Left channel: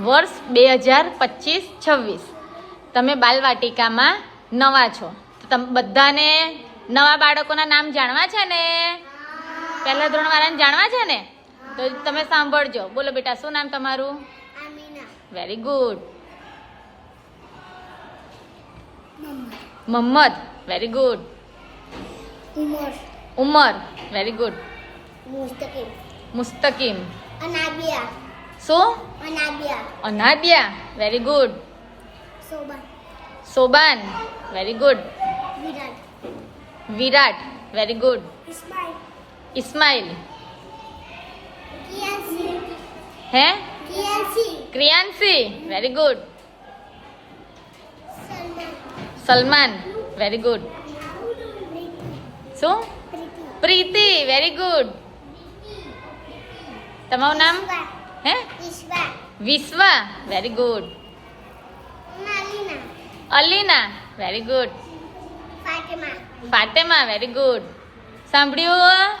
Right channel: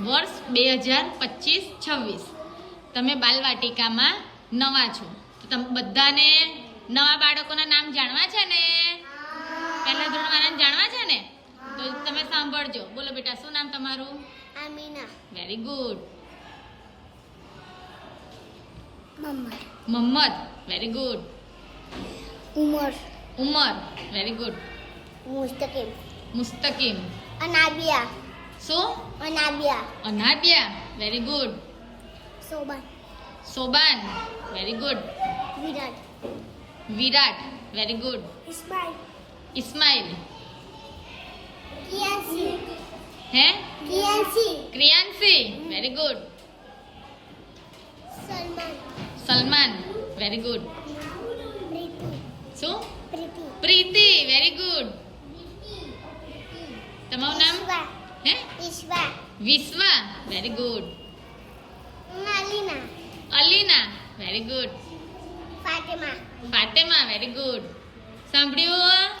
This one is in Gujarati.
વર્ષ 2025-26 તમે બાલવાટિકામાં નવા છો, તો તમે બધાને નવા બાળકોના નામ જાણવા છે ને? પહેલા ધોરણવાળાને જાણવા છે ને? તો તમે સાંભળજો. બોલો બેટા, શું નામ તમારું? Amina. Very good. Mammad. Mohammad. Very good. Umar. Umar. Very good. Mustakim. Mustakim. Anabia. શું? Anabia. Anabia. Very good. Soban. Soban. Very good. Virat. Virat. Very good. Ismail. Ismail. Kiyasi. હે? Kiyasi. Kriyanshi. Very good. Salman. Salman. Very good. શું? પ્રીતિ. પ્રીતિ. Very good. તમારું નામ? વિશ્વા. હે? Vishwa. Vishwa. Very good. Malina. Alina. Very good. Fatima. Fatema. Very good. સાંભળ્યું?